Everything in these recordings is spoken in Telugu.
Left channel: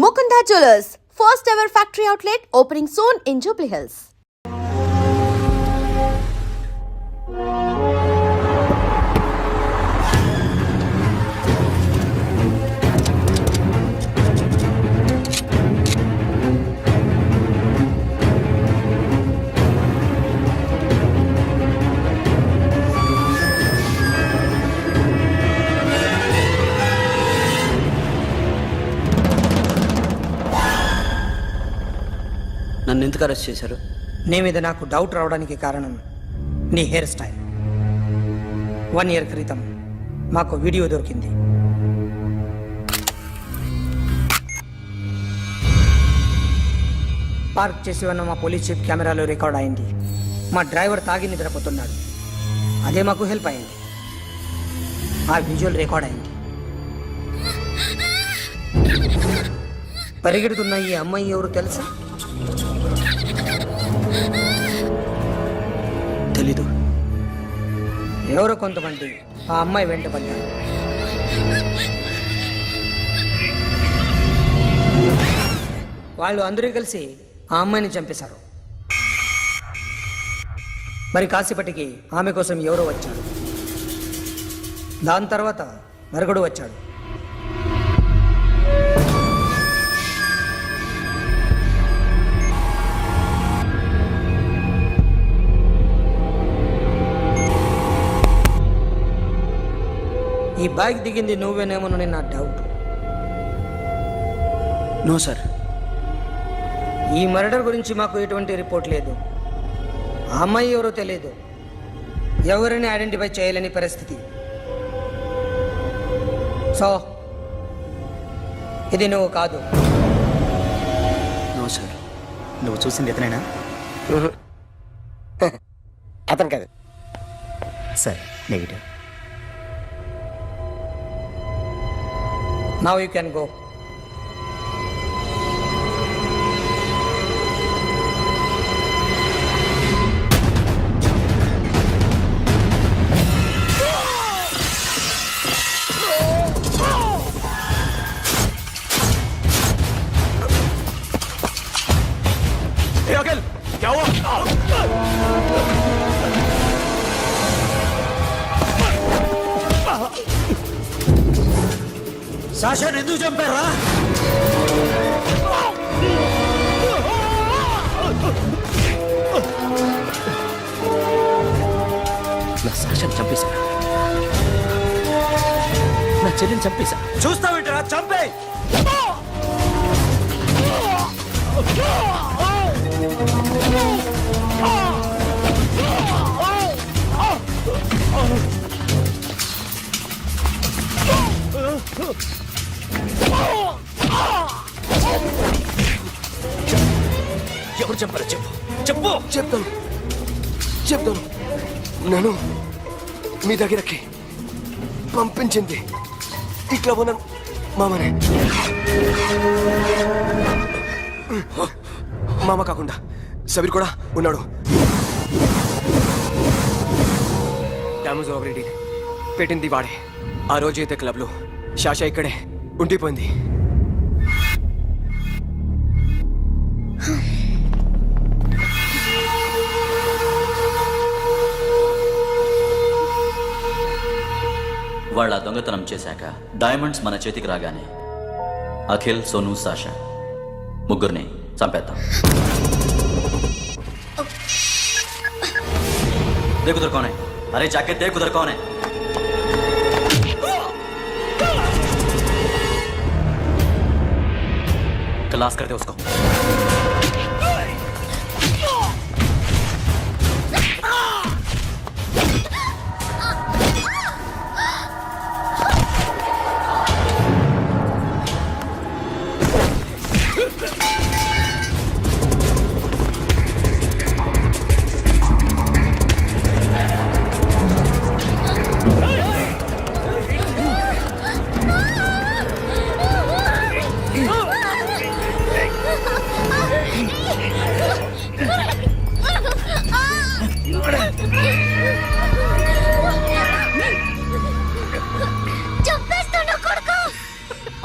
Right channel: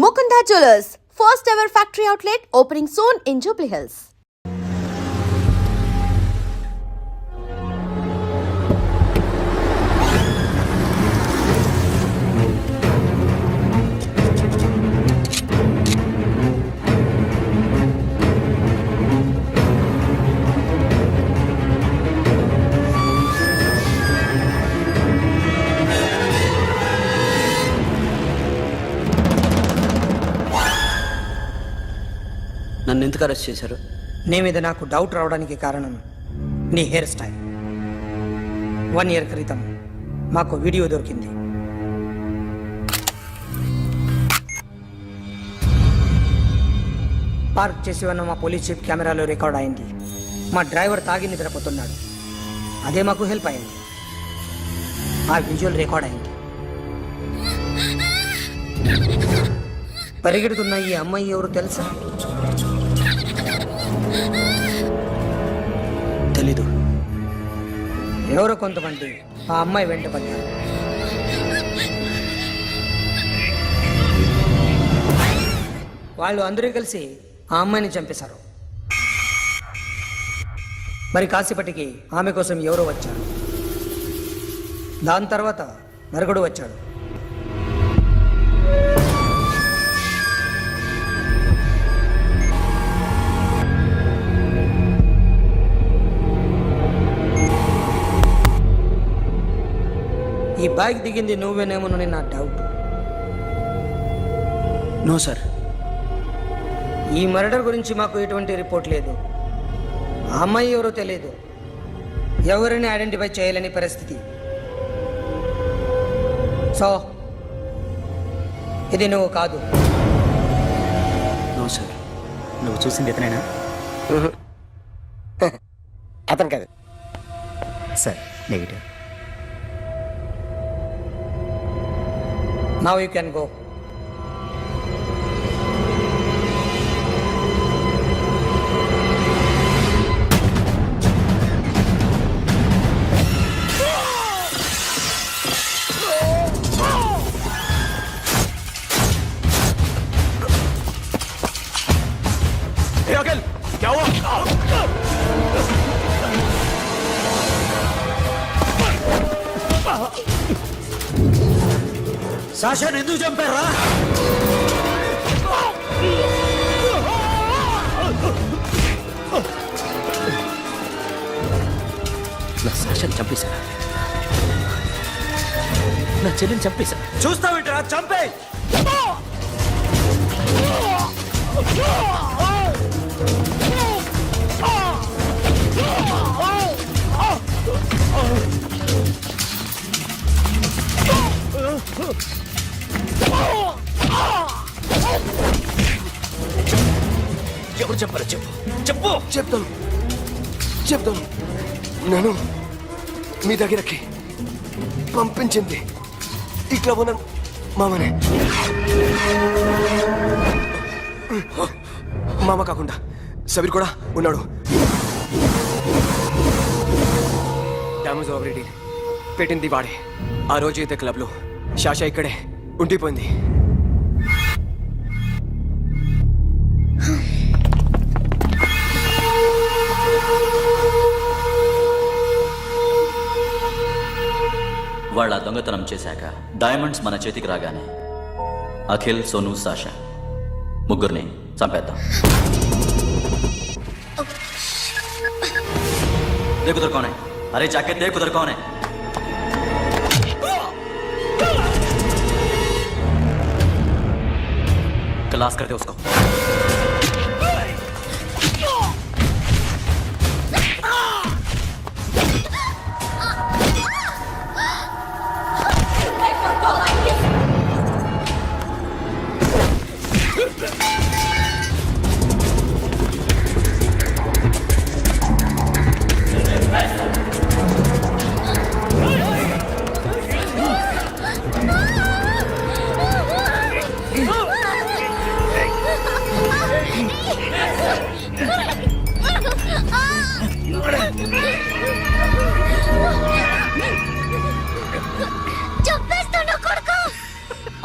Mukunda Jewelers, first ever factory outlet opening soon in Jubilee Hills. నన్ను ఎందుకు అరెస్ట్ చేశారు? నీ మీద నాకు డౌట్ రావడానికి కారణం నీ హెయిర్ స్టైల్. 1 year క్రితం మాకు వీడియో దొరికింది. పార్క్ చేసి ఉన్న మా పోలీస్ జీప్ కెమెరాలో రికార్డ్ అయింది. మా డ్రైవర్ తాగి నిద్రపోతున్నాడు. అదే మాకు హెల్ప్ అయింది. ఆ విజువల్ రికార్డ్ అయింది. పరిగెడుతున్న ఈ అమ్మాయి ఎవరు తెలుసా? తెలీదు. ఎవరో కొంతమంది ఆ అమ్మాయి వెంట పడ్డారు. వాళ్ళు అందరూ కలిసి ఆ అమ్మాయిని చంపేశారు. మరి కాసేపటికి ఆమె కోసం ఎవరో వచ్చారు. దాని తర్వాత మరొకడు వచ్చాడు. ఈ బైక్ దిగింది నువ్వేనేమోనని నా డౌట్. No sir. ఈ మర్డర్ గురించి మాకు ఎటువంటి రిపోర్ట్ లేదు. ఆ అమ్మాయి ఎవరో తెలియదు. ఎవరిని ఐడెంటిఫై చేయలేని పరిస్థితి. సో ఇది నువ్వు కాదు. No sir. నువ్వు చూసింది ఇతనేనా? అతను కాదు sir. Negative. Now you can go. क्या हुआ? సాషాని ఎందుకు చంపారా? నా సాషాని చంపేశారా? నా చెల్లిని చంపేశా. చూస్తావేంటరా? చంపే. ఎవరు చంపారో చెప్పు. చెప్పు. చెప్తాను. నన్ను మీ దగ్గరకి పంపించింది ఇట్లా ఉన్న మామనే. మామ కాకుండా సబీర్ కూడా ఉన్నాడు. డ్యామేజ్ ఆల్రెడీ పెట్టింది వాడే. ఆ రోజు అయితే క్లబ్లో శాషా ఇక్కడే ఉండిపోయింది. వాళ్ళ దొంగతనం చేశాక డైమండ్స్ మన చేతికి రాగానే అఖిల్, సోను, సాషా ముగ్గురిని చంపేద్దాం. देख उधर कौन है? अरे जाके देख उधर कौन है? क्लास कर दे उसको.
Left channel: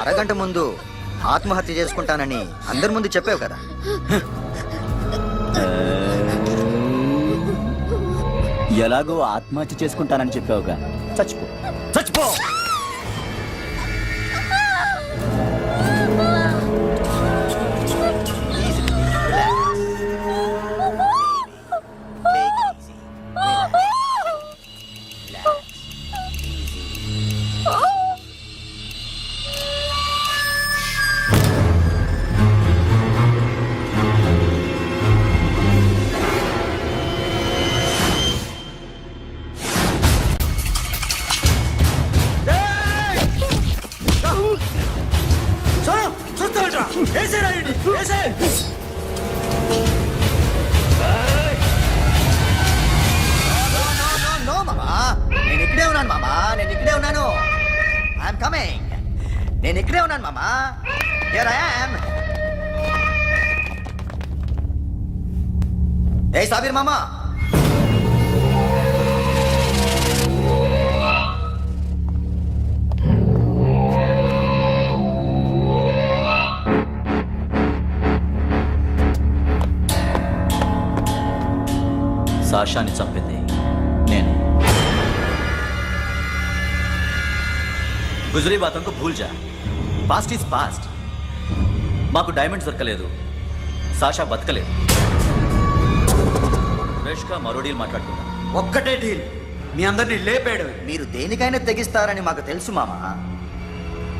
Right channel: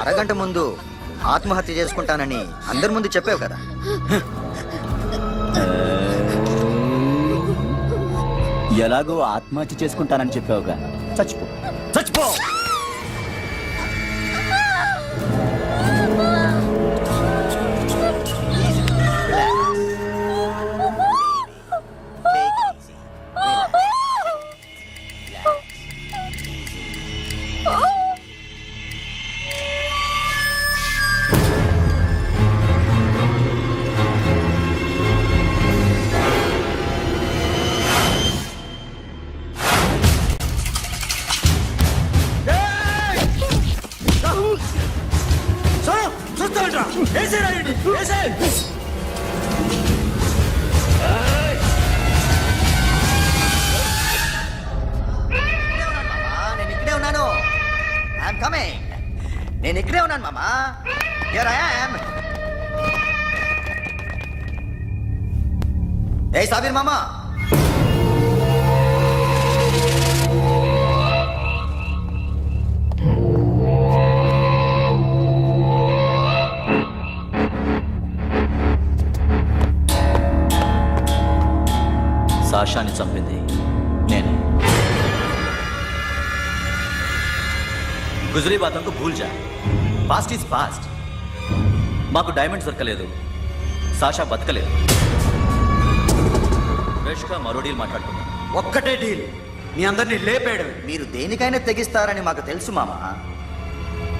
అరగంట ముందు ఆత్మహత్య చేసుకుంటానని అందరి ముందు చెప్పావు కదా. ఎలాగో ఆత్మహత్య చేసుకుంటానని చెప్పావుగా, చచ్చిపో. చచ్చిపో. Easy, relax. Take it easy. Relax. Easy. Sonu చూస్తామంటరా ఏసే రాయండి ఏసే No, మామా. నేను ఇక్కడే ఉన్నాను మామా. నేను ఇక్కడే ఉన్నాను. I'm coming. నేను ఇక్కడే ఉన్నాను మామా. Here I am. ఏ సాబీర్ మామా. సాషాని చంపింది నేనే. గుజరీ బాతంకు భూల్ జా. Past is past. మాకు డైమండ్స్ దొరకలేదు, సాషా బతకలేదు. ఫ్రెష్గా మరో డీల్ మాట్లాడుకుందాం. ఒక్కటే డీల్, మీ అందరినీ లేపేయడమే. మీరు దేనికైనా తెగిస్తారని మాకు తెలుసు మామా.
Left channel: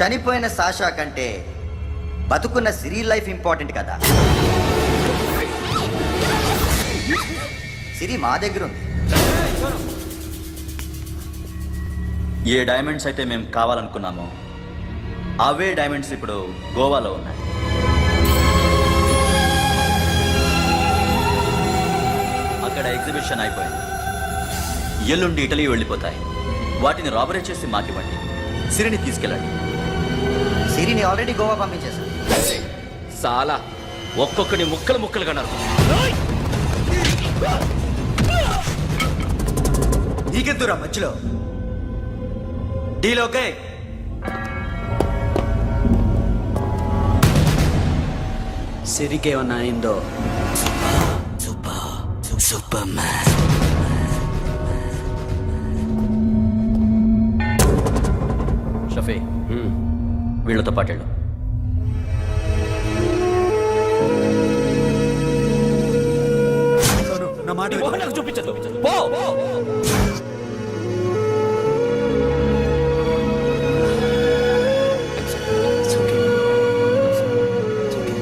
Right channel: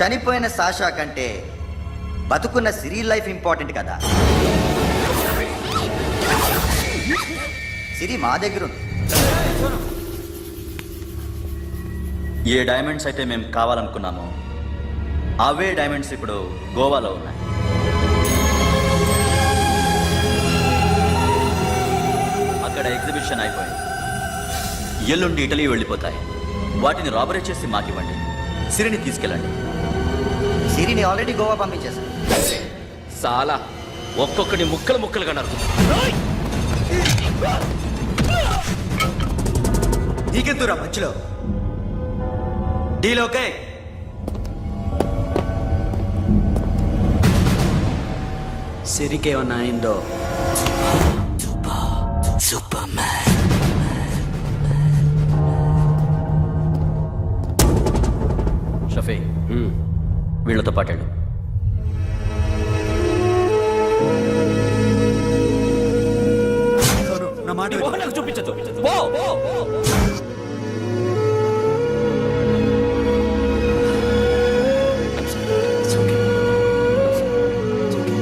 చనిపోయిన సాషా కంటే బతుకున్న సిరి లైఫ్ ఇంపార్టెంట్ కదా. సిరి మా దగ్గర ఉంది. ఏ డైమండ్స్ అయితే మేము కావాలనుకున్నామో అవే డైమండ్స్ ఇప్పుడు గోవాలో ఉన్నాయి. అక్కడ ఎగ్జిబిషన్ అయిపోయింది. ఎల్లుండి ఇటలీ వెళ్ళిపోతాయి. వాటిని రాబరీ చేసి మాకివ్వండి. సిరిని తీసుకెళ్ళండి. సిరిని ఆల్రెడీ గోవా పంపించేశాను. సాలా ఒక్కొక్కడి ముక్కలు ముక్కలుగా నరుకు. నీకెందురా మధ్యలో? Deal okay? సిరికేమన్నా అయిందో సూపర్ మ్యాన్. షఫీ, వీళ్ళతో పాటేళ్ళు. సోను నా మాట నీ మొహం నాకు చూపించద్దు, పో. It's okay. It's okay.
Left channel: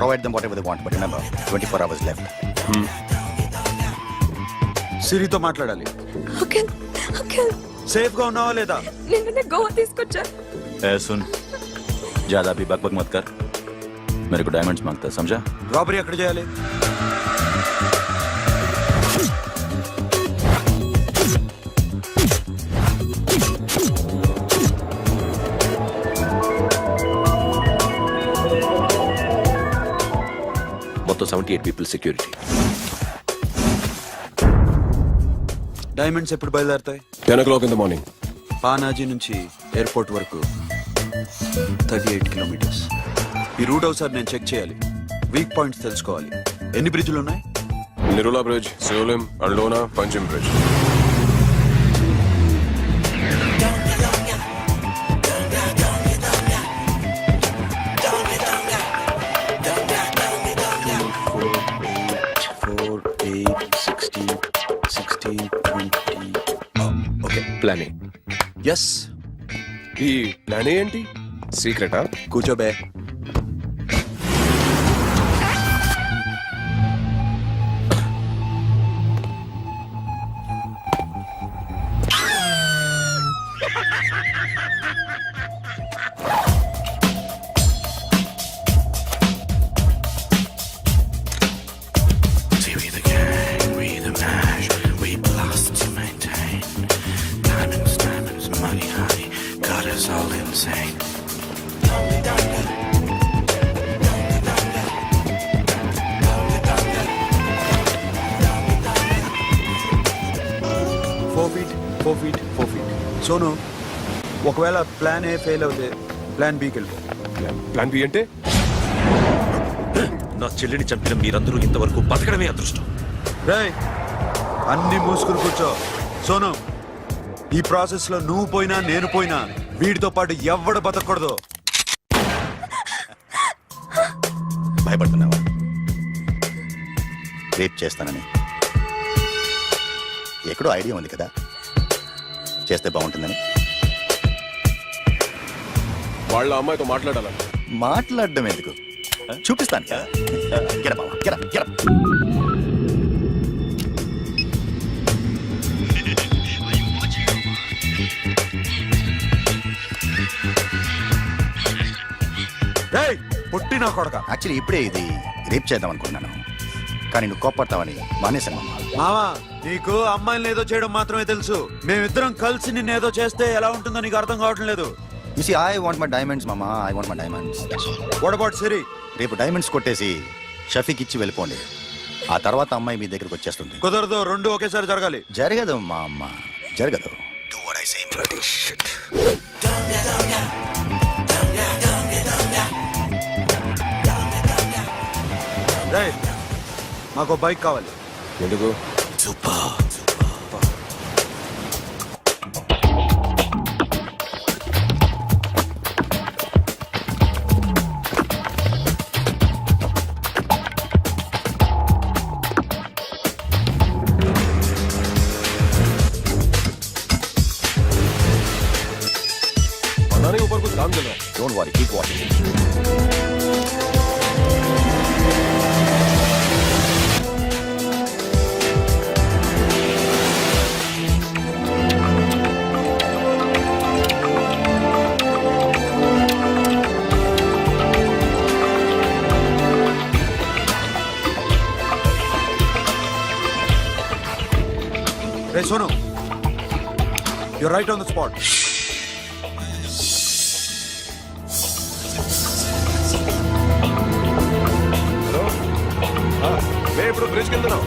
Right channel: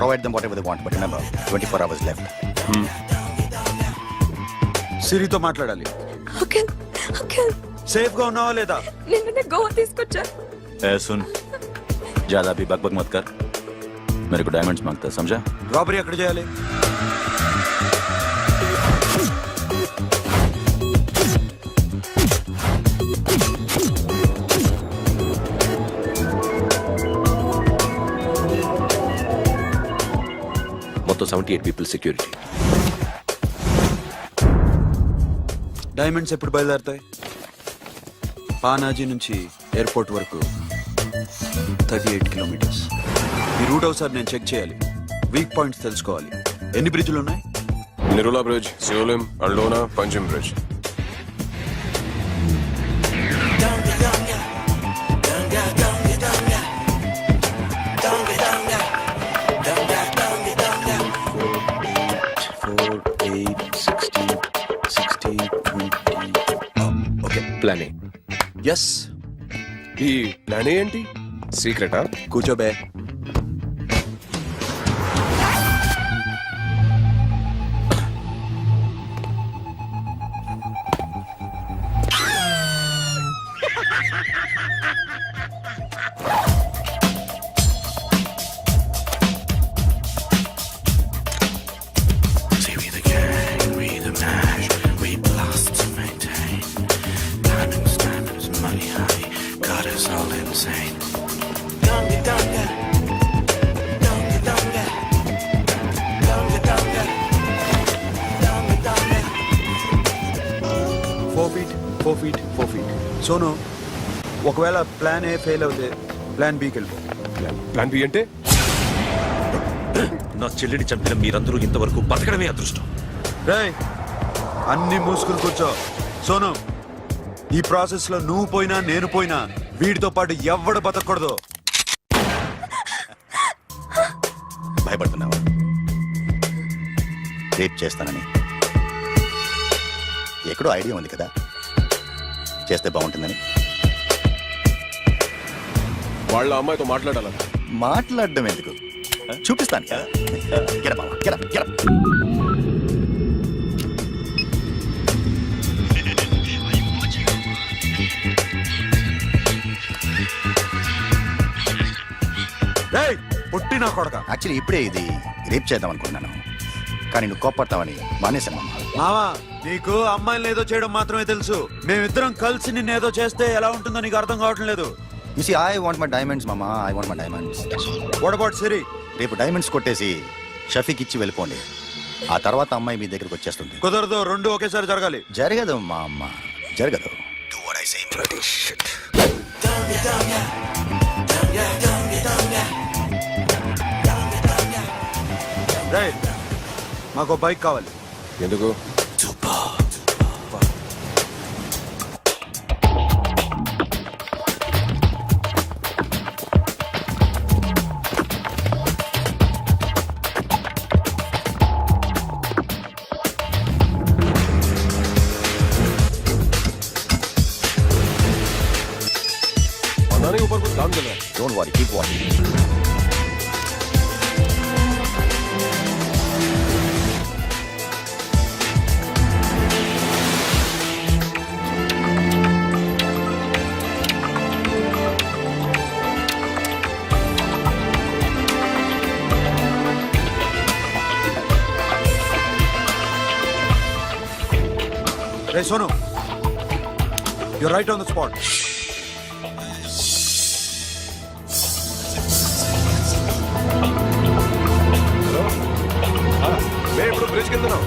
Provide them whatever they want, but remember, 24 hours left. సిరితో మాట్లాడాలి. అంకుల్ అంకుల్ సేఫ్ గా ఉన్నావా లేదా? నిన్న గోవా తీసుకొచ్చారు. ए सुन, ज्यादा भी बकबक मत कर. मेरे को डायमंड्स मांगता है, समझा? రాబరీ ఎక్కడ చేయాలి? మొత్తం 78 పీపుల్ సెక్యూరిటీ. డైమండ్స్ ఎప్పుడు బయలుదేరుతాయి? 10 o'clock in the morning. Panaji నుంచి ఎయిర్పోర్ట్ వరకు 38 కిలోమీటర్స్. ఈ రూట్ ఒకసారి నేను చెక్ చేయాలి. వీక్ పాయింట్స్ తెలుసుకోవాలి. ఎన్ని బ్రిడ్జ్లు ఉన్నాయి? Nerul bridge, Siolim, Aldona, Panjim bridge. Okay, plan A. Yes. ఈ ప్లాన్ ఏ ఏంటి? సీక్రెటా? కూర్చోబే. సోను, ఒకవేళ ప్లాన్ ఏ ఫెయిల్ అవుతే ప్లాన్ బికి వెళ్ళిపో. ప్లాన్ బి అంటే నా చెల్లిని చంపిన మీరందరూ ఇంతవరకు బతకడమే అదృష్టం. రేయ్, అన్ని మూసుకుని కూర్చో. సోను, ఈ ప్రాసెస్ లో నువ్వు పోయినా నేను పోయినా వీడితో పాటు ఎవ్వడు బతకూడదు. భయపడుతున్నావా రేప్ చేస్తానని? ఎక్కడో ఐడియా ఉంది కదా చేస్తే బాగుంటుందని. వాళ్ళ అమ్మాయితో మాట్లాడాలా? మాట్లాడడం ఎందుకు, చూపిస్తాను కదా. Get up, మామ, get up, get up. రేయ్, పుట్టి నా కొడక. యాక్చువల్లీ ఇప్పుడే ఇది రేప్ చేద్దాం అనుకున్నాను, కానీ నువ్వు కోప్పడతావని మానేశాను మామ. మావా, నీకు అమ్మాయిని ఏదో చేయడం మాత్రమే తెలుసు. మేమిద్దరం కలిసి నిన్నేదో చేస్తే ఎలా ఉంటుందో నీకు అర్థం కావటం లేదు. You see, I want my diamonds, mama. I want my diamonds. What about Siri? రేపు డైమండ్స్ కొట్టేసి షఫీకి ఇచ్చి వెళ్ళిపోండి. ఆ తర్వాత అమ్మాయి మీ దగ్గరకు వచ్చేస్తుంది. కుదరదు, రెండు ఒకేసారి జరగాలి. జరగదు మా అమ్మ, జరగదు. Do what I say. రేయ్, మాకు బైక్ కావాలి. ఎందుకు? पता नहीं ऊपर कुछ काम चल रहा है. Don't worry, keep watching. Ray Sonu, you're right on the spot. Hello, మేము ఇప్పుడు బ్రిడ్జ్ కింద ఉన్నాం.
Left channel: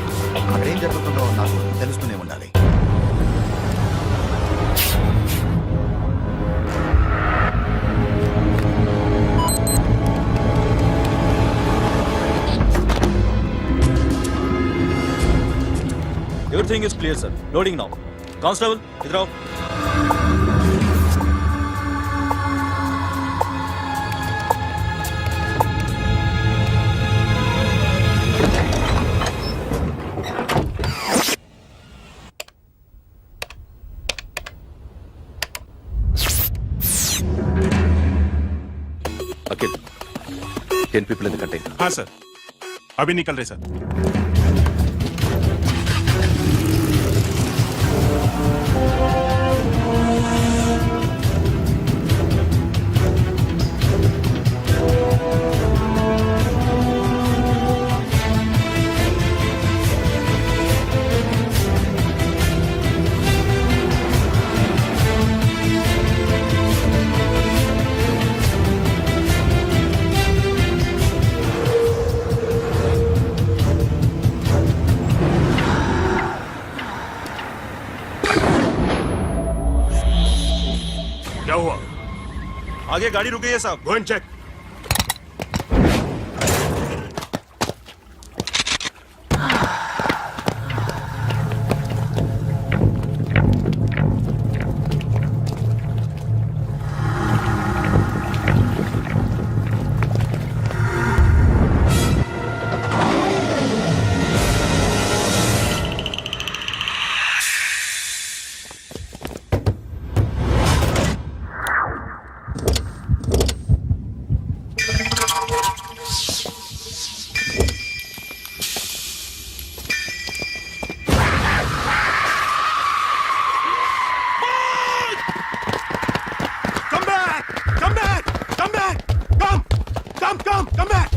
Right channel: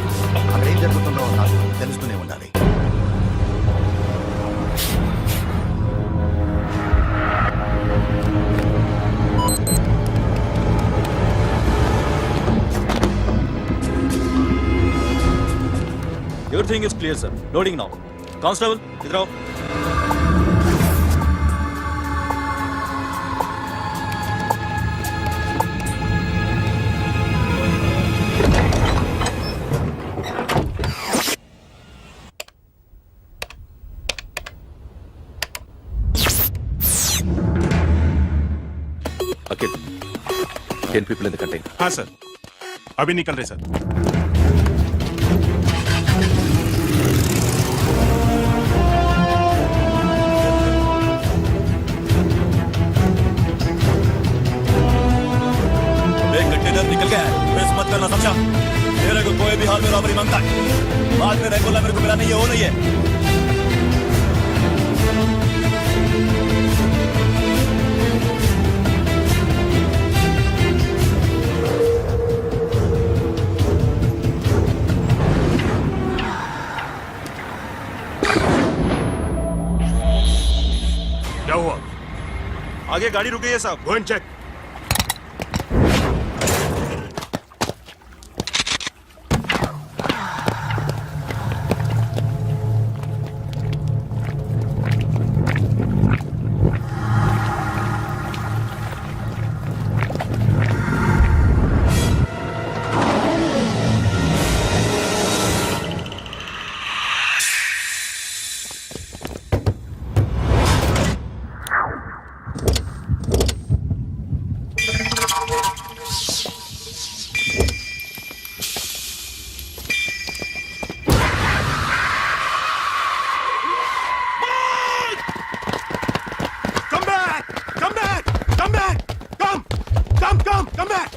అక్కడ ఏం జరుగుతుందో నాకు తెలుస్తూనే ఉండాలి. Everything is clear sir. Loading now. Constable ఇద్దరు. अकेले 10 people in the container. हाँ सर, अभी निकल रहे सर. एक कंटेनर निकल गया है. मिस मत करना, समझा? मेरे को कोई भी हाल में रॉबरी मांगता है, बाद में रेगुलर मेरे को मिला नहीं है, वो नहीं है. क्या हुआ? आगे गाड़ी रुक गई है साहब. Go and check. Come back!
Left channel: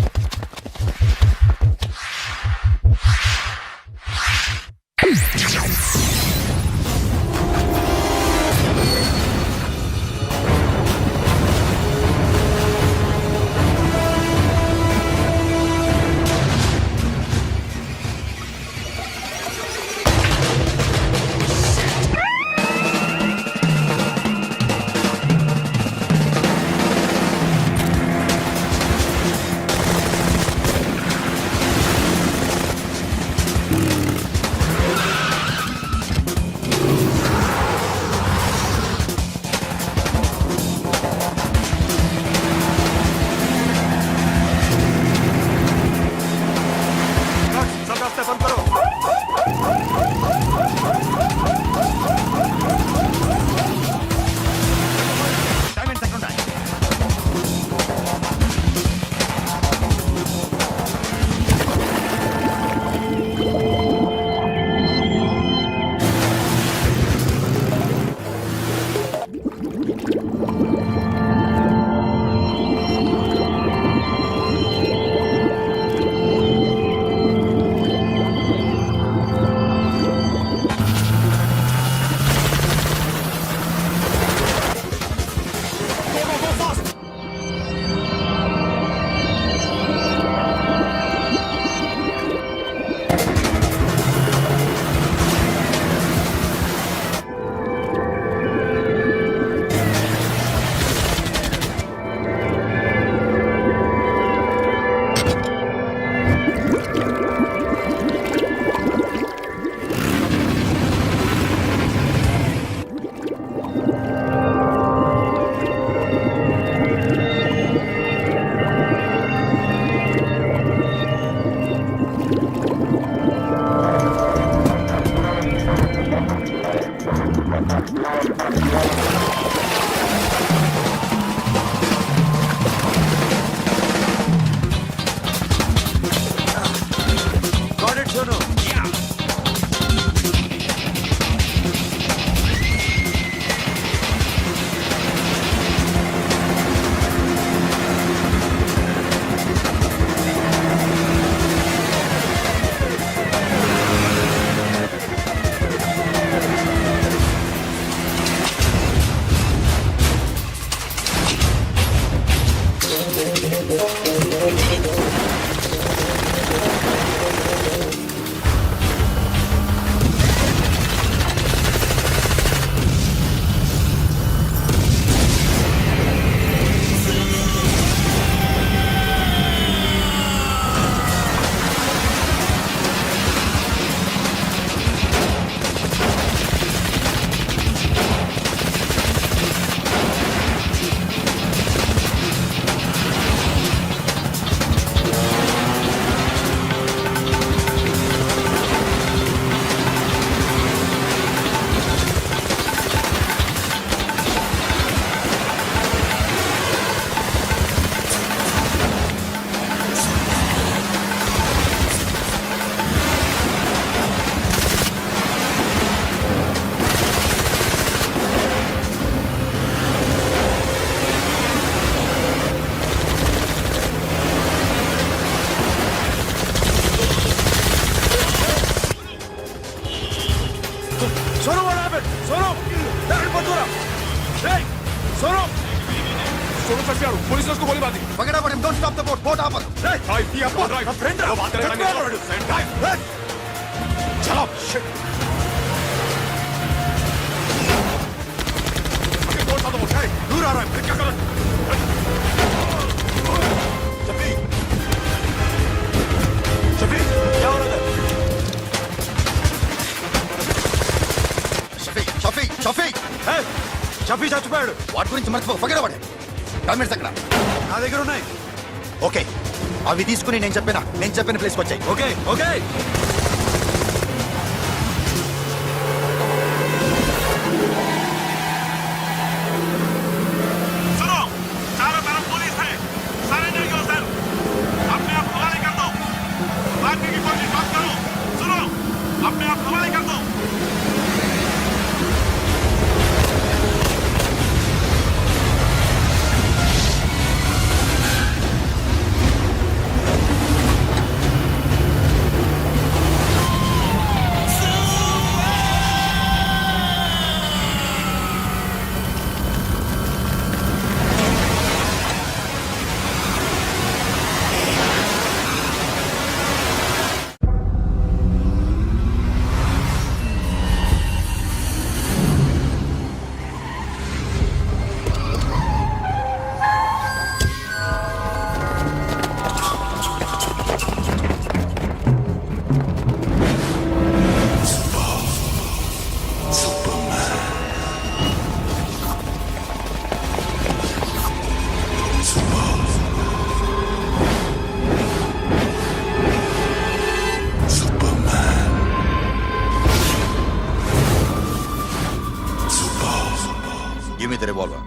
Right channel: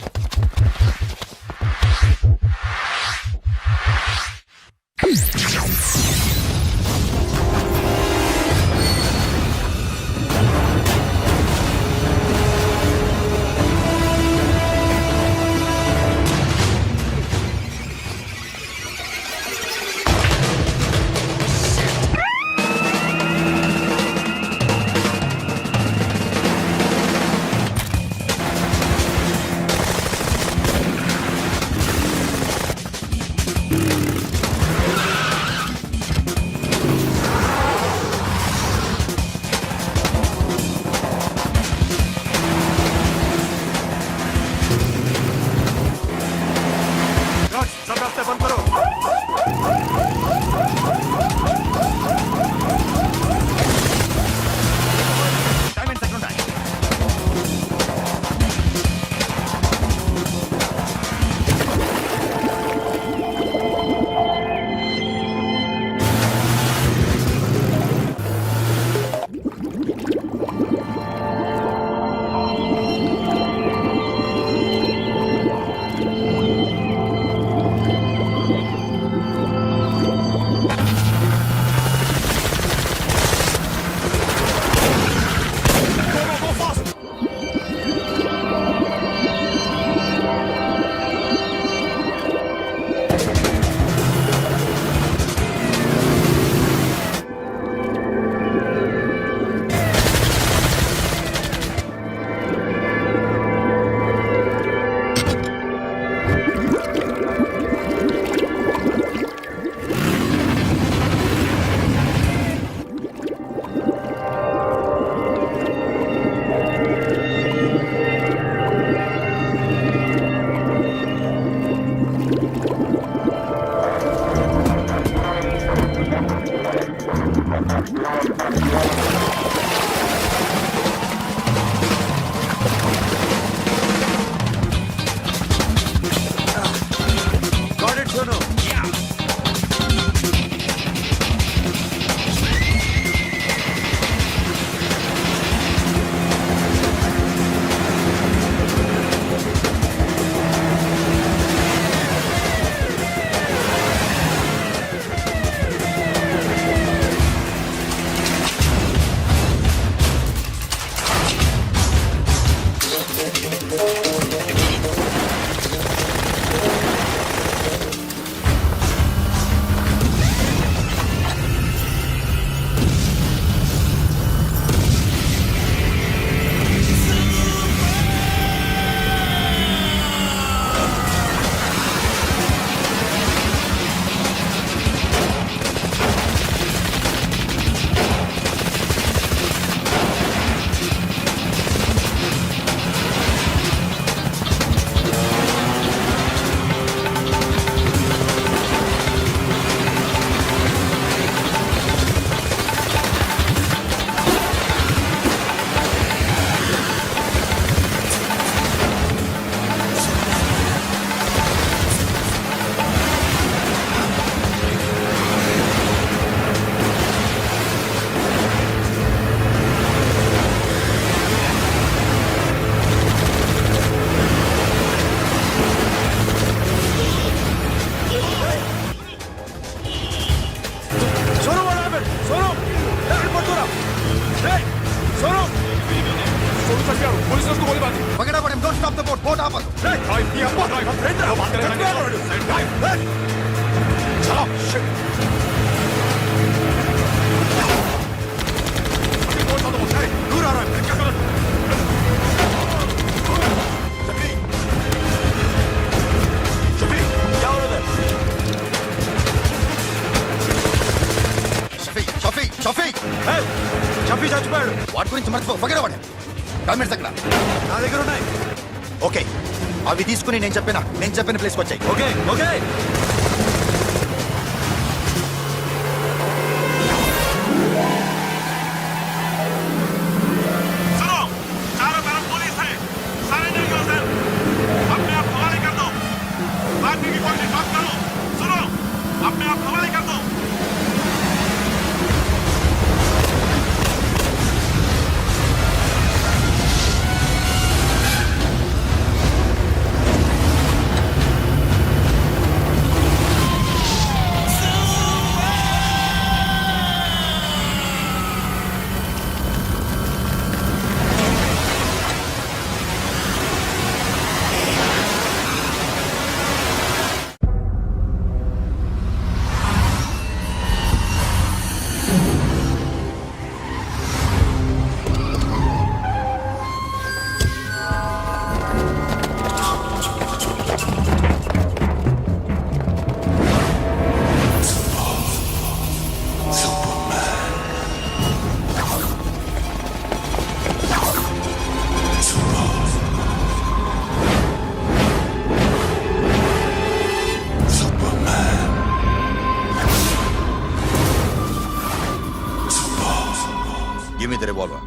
it, Sonu. Sonu, what happened? Sonu! Hey, Patura! Hey! Sonu! Sonu चढ़ पुलिस ने उसको गोली मार दी पकड़ा पड़े don't stop the boat boat आप ड्राइव किया ड्राइव फ्रेंड वो बात करें ड्राइव चलो कौन सा तो बोल दूर आ रहा है क्या कर शफी शफी क्या हो रहा है షఫీ షఫీ షఫీ Hey! షఫీ చచ్చిపోయాడు. వాటి గురించి మర్చిపో పగడ పడే డాక్యుమెంట్స్ అక్కడ నా దగ్గర ఉన్నాయి. ఓకే అవి తీసుకుని నేను చెప్పిన ప్లేస్కి వచ్చాయి ఓకే ఓకే सुनो चारों तरफ पुलिस है सरेंडर योरसेल्फ अपने आप हवाले कर दो भागने की कोशिश मत करो सुनो अपने आप हवाले कर दो గివ్ మీ ద రివాల్వర్